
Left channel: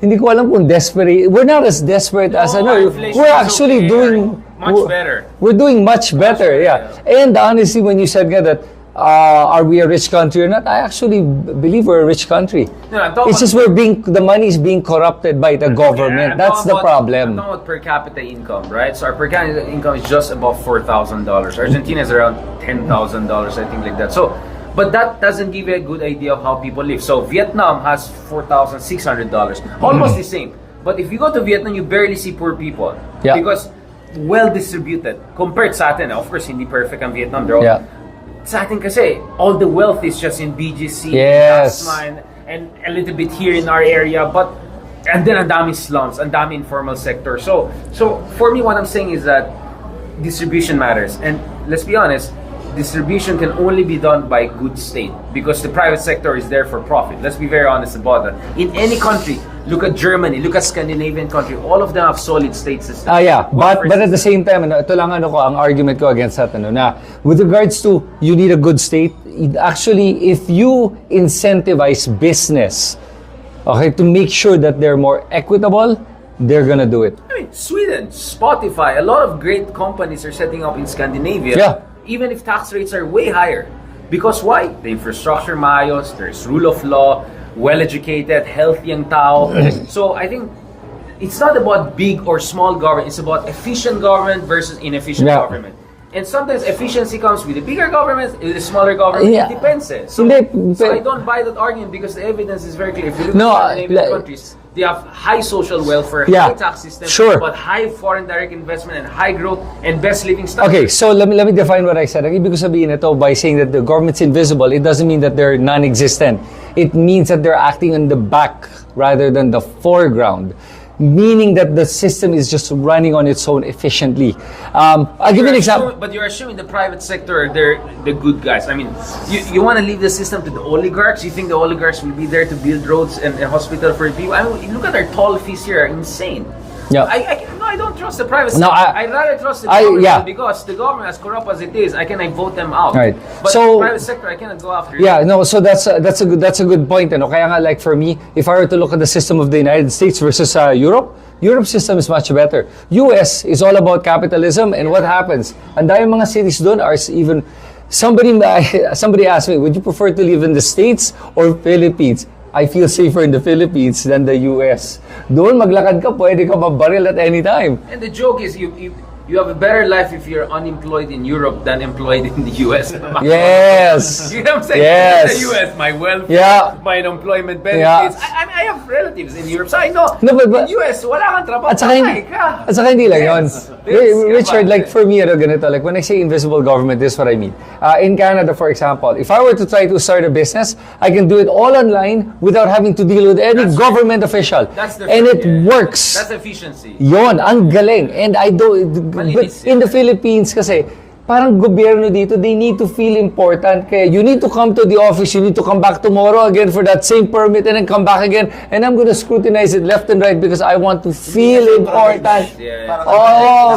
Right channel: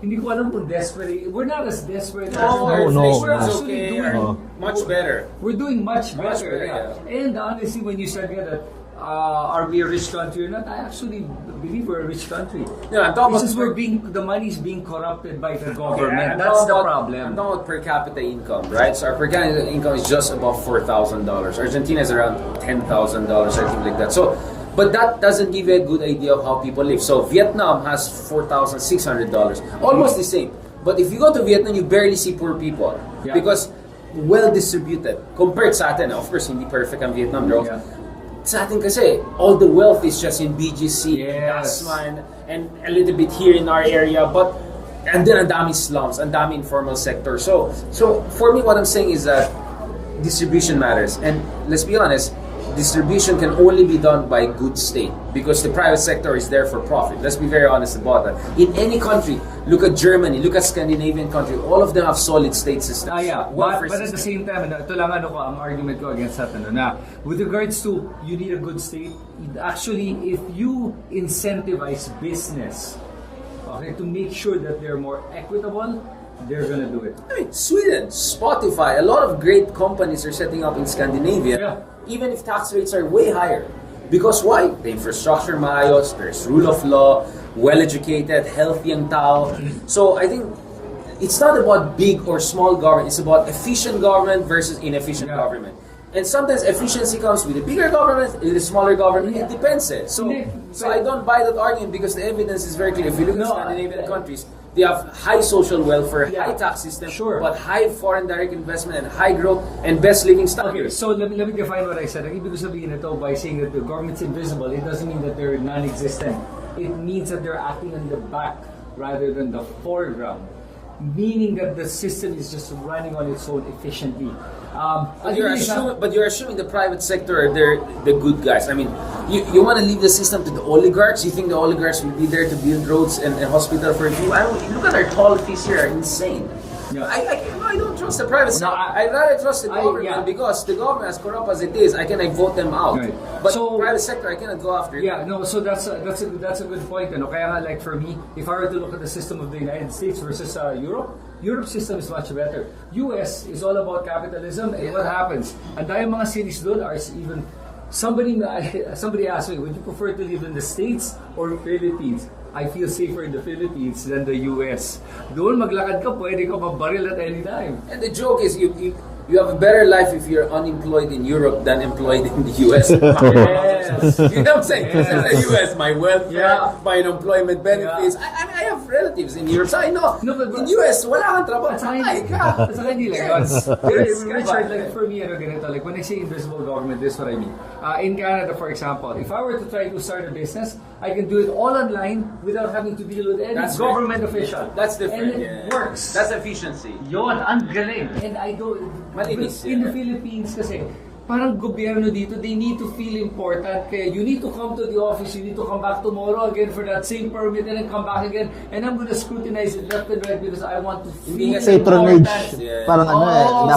hindi ko alam kung desperate. We're not as desperate as we're actually doing much better. We're doing much better, yeah. And honestly, when you said that, are we a rich country or not? I actually believe we're a rich country. It's just the money is being corrupted by the government. That's the problem. I'm talking about per capita income, right? So our per capita income is just above $4,000. Argentina is around $10,000, I think, like that. So, but that doesn't give you a good idea of how people live. So Vietnam has $4,600, almost the same. But if you go to Vietnam, you barely see poor people because well distributed compared sa atin. Of course, hindi perfect ang Vietnam. They're all, sa atin kasi, all the wealth is just in BGC, Tasman, and a little bit here in our area, and then ang dami slums, ang dami informal sector. So for me, what I'm saying is that distribution matters. And let's be honest, distribution can only be done by good state because the private sector is there for profit. Let's be very honest about that. In any country, look at Germany, look at Scandinavian country, all of them have solid state systems. But at the same time, ito lang ang argument ko against that, na with regards to you need a good state, actually, if you incentivize business, to make sure that they're more equitable, they're gonna do it. I mean, Sweden, Spotify, a lot of great companies are setting up in Scandinavia. Yeah. Even if tax rates are way higher. Because why? The infrastructure maayos, there's rule of law, well-educated, healthy ang tao. So I think it's not about big or small government, it's about efficient government versus inefficient government. And sometimes efficiency comes with a bigger government, with a smaller government. It depends. So I don't buy that argument because the evidence is very clear. If you look at Scandinavian countries, they have high social welfare, high tax system, but high foreign direct investment and high growth and best living standards. Okay, so let me define what I said. Ang ibig ko sabihin ito by saying that the government's invisible, it doesn't mean that they're non-existent. It means that they're acting on the back rather than the foreground. Meaning that the system is just running on its own efficiently. I'll give you an example. But you're assuming the private sector, they're the good guys. I mean, you want to leave the system to the oligarchs? You think the oligarchs will be there to build roads and hospital for people? I mean, look at their toll fees here, are insane. Yeah. I don't trust the private sector. I'd rather trust the government because the government, as corrupt as it is, I vote them out. Right. But the private sector, I cannot go after. So that's a good point. Kaya nga, like for me, if I were to look at the system of the United States versus Europe, Europe's system is much better. US is all about capitalism, and what happens? Ang dami mga cities doon are even. Somebody asked me, would you prefer to live in the States or Philippines? I feel safer in the Philippines than the US. Doon maglakad ka, pwede ka mabaril at any time. And the joke is, you have a better life if you're unemployed in Europe than employed in the US. Yes. You know what I'm saying? Yes. In the US, my welfare, Yeah. my unemployment benefits. I have relatives in Europe, so I know. No, but- in US, wala kang trabaho. At saka, patay ka. at saka hindi lang yun. Yes. Richard, like for me, ganito, like when I say invisible government, this is what I mean. In Canada, for example, if I were to try to start a business, I can do it all online without having to deal with any That's government official. That's the and it yeah. works. That's efficiency. Yon, ang galing. And I don't, but Malinis in the Philippines kasi, parang gobyerno dito, they need to feel important. Kaya you need to come to the office, you need to come back tomorrow again for that same permit and then come back again. And I'm gonna scrutinize it left and right because I want to feel important. Yeah. Parang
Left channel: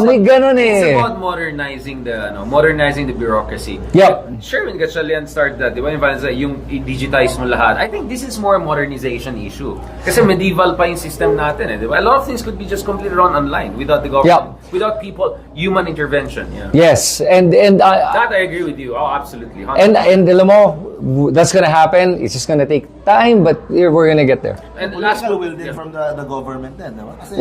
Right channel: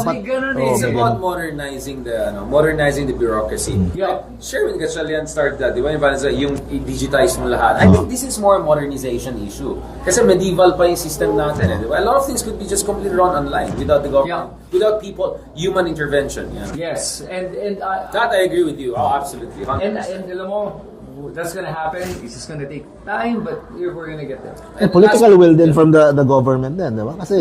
May ganun It's eh. about modernizing the bureaucracy. Yep. Sherwin Gatchalian started that, di ba? Yung i-digitize mo lahat. I think this is more a modernization issue. Kasi medieval pa yung system natin eh, di ba? A lot of things could be just completely run online without the government, without people, human intervention. Yeah. Yes, and That I agree with you. Oh, absolutely. 100%. and alam mo, that's gonna happen. It's just gonna take time, but we're gonna get there. And political will din from the government din, di ba? Kasi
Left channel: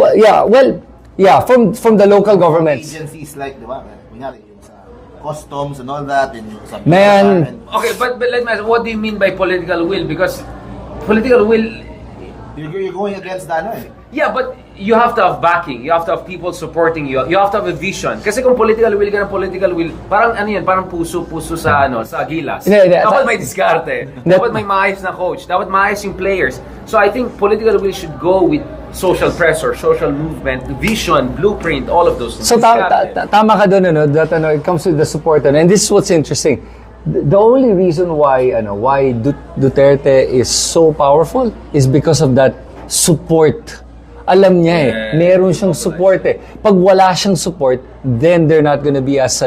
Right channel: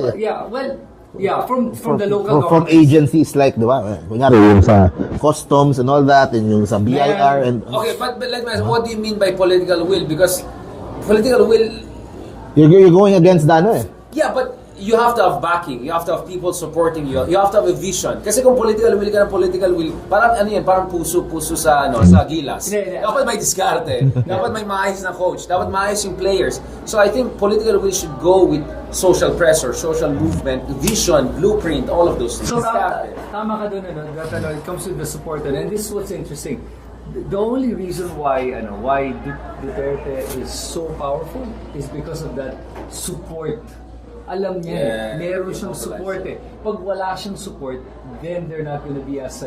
From the local from government. agencies like, di ba? Kunyari yung sa customs and all that, and yung sa BIR Man. and Okay, but let me ask, what do you mean by political will? Because political will, you're going against the ano eh. yeah, but you have to have backing. You have to have people supporting you. You have to have a vision. Kasi kung political will ka ng political will, parang ano yan, parang puso sa gilas. Hindi, Dapat may diskarte. Dapat may maayos na coach. Dapat maayos yung players. So I think political will should go with social pressure, social movement, vision, blueprint, all of those things. So Diskarte. tama ka doon, that it comes with the support, and this is what's interesting. The only reason why Duterte is so powerful is because of that support. Alam niya meron siyang support eh. Pag wala siyang support, then they're not gonna be as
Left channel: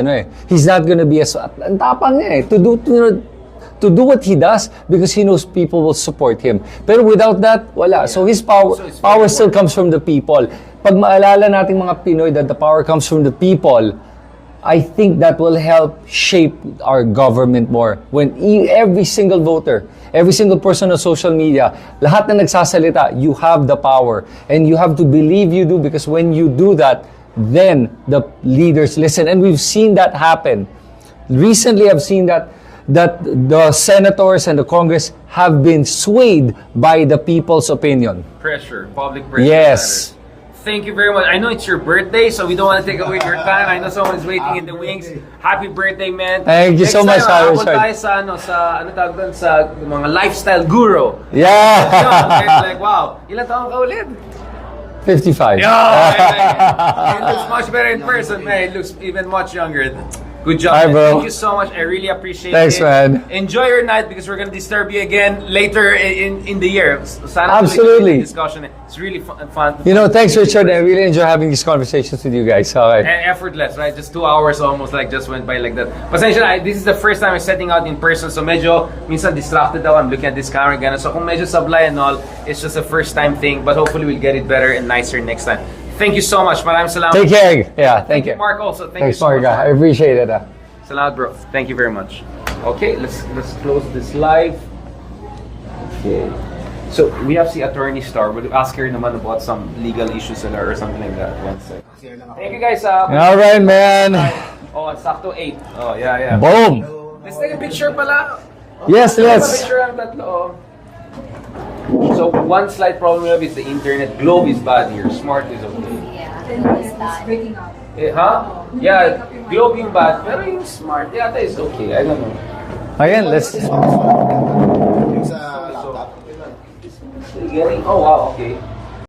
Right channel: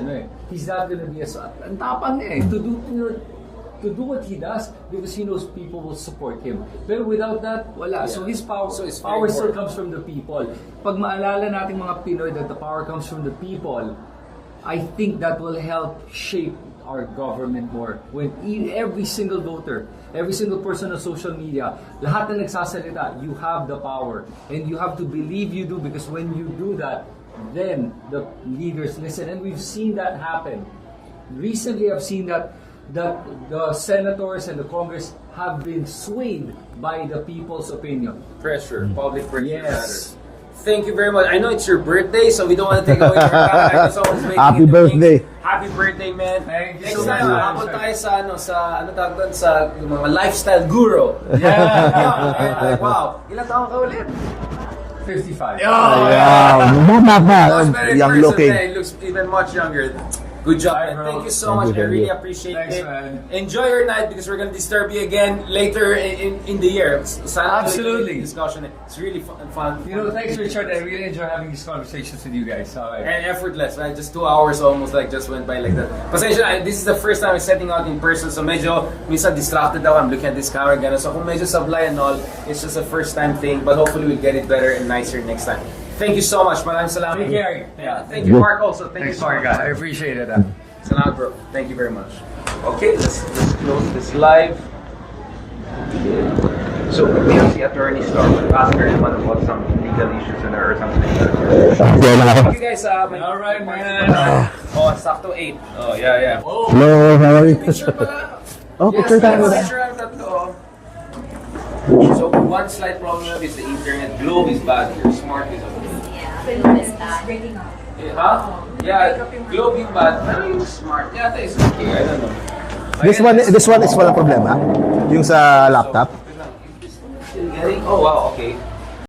he's not gonna be as ang tapang niya eh, to do what he does because he knows people will support him. Pero without that, wala. So his power it's very power still important. comes from the people. Pag maalala nating mga Pinoy that the power comes from the people, I think that will help shape our government more. When every single voter, every single person on social media, lahat na nagsasalita, you have the power. And you have to believe you do because when you do that, then the leaders listen. And we've seen that happen. Recently, I've seen that the senators and the Congress have been swayed by the people's opinion. Pressure, public pressure Yes. matters. Thank you very much. I know it's your birthday, so we don't want to take away your time. I know someone's waiting Happy in the birthday. wings. Happy birthday, man. Thank you so much, Next time, Richard. tayo sa tawag doon, sa mga lifestyle guru. Yeah. Yun, like, wow, ilan taon ka ulit? 55. Much better in Young person, looking. man. It looks even much younger. Good job, Hi, man. bro. Thank you so much. I really appreciate Thanks, it. man. Enjoy your night because we're gonna disturb you again later in the year. Sana Absolutely. discussion. It's really fun. You know, thanks, Richard. I really enjoy having these conversations with you guys. All right. And effortless, right? Just 2 hours almost like just went by like that. Pasensya na, this is the first time I'm setting out in person, so medyo minsan distracted ako. I'm looking at this camera again. So kung medyo sablay and all, it's just a first time thing, but hopefully we'll get it better and nicer next time. Thank you so much. Maraming salamat. Take care. Yeah, thank you. Mark also. Thank Thanks, you so Mark. much. I appreciate it. Salamat, bro. Thank you very much. Okay, let's close this live. Okay. So we have the attorney star. We'll ask her naman about some legal issues in her or something like that. Thank you guys. All right, man. Oh, sakto 8. Oh, yeah. Boom. Picture pala. Yes, let's. Picture ang tatlo. So one slight problem we have is the internet. Globe is bad here. Smart is okay. breaking up. Huh? Yeah, Globe yung bad. Pero yung smart, yeah, that is okay. I don't know. This one is wala problema. Yung sa laptop. Still getting? Oh wow, okay.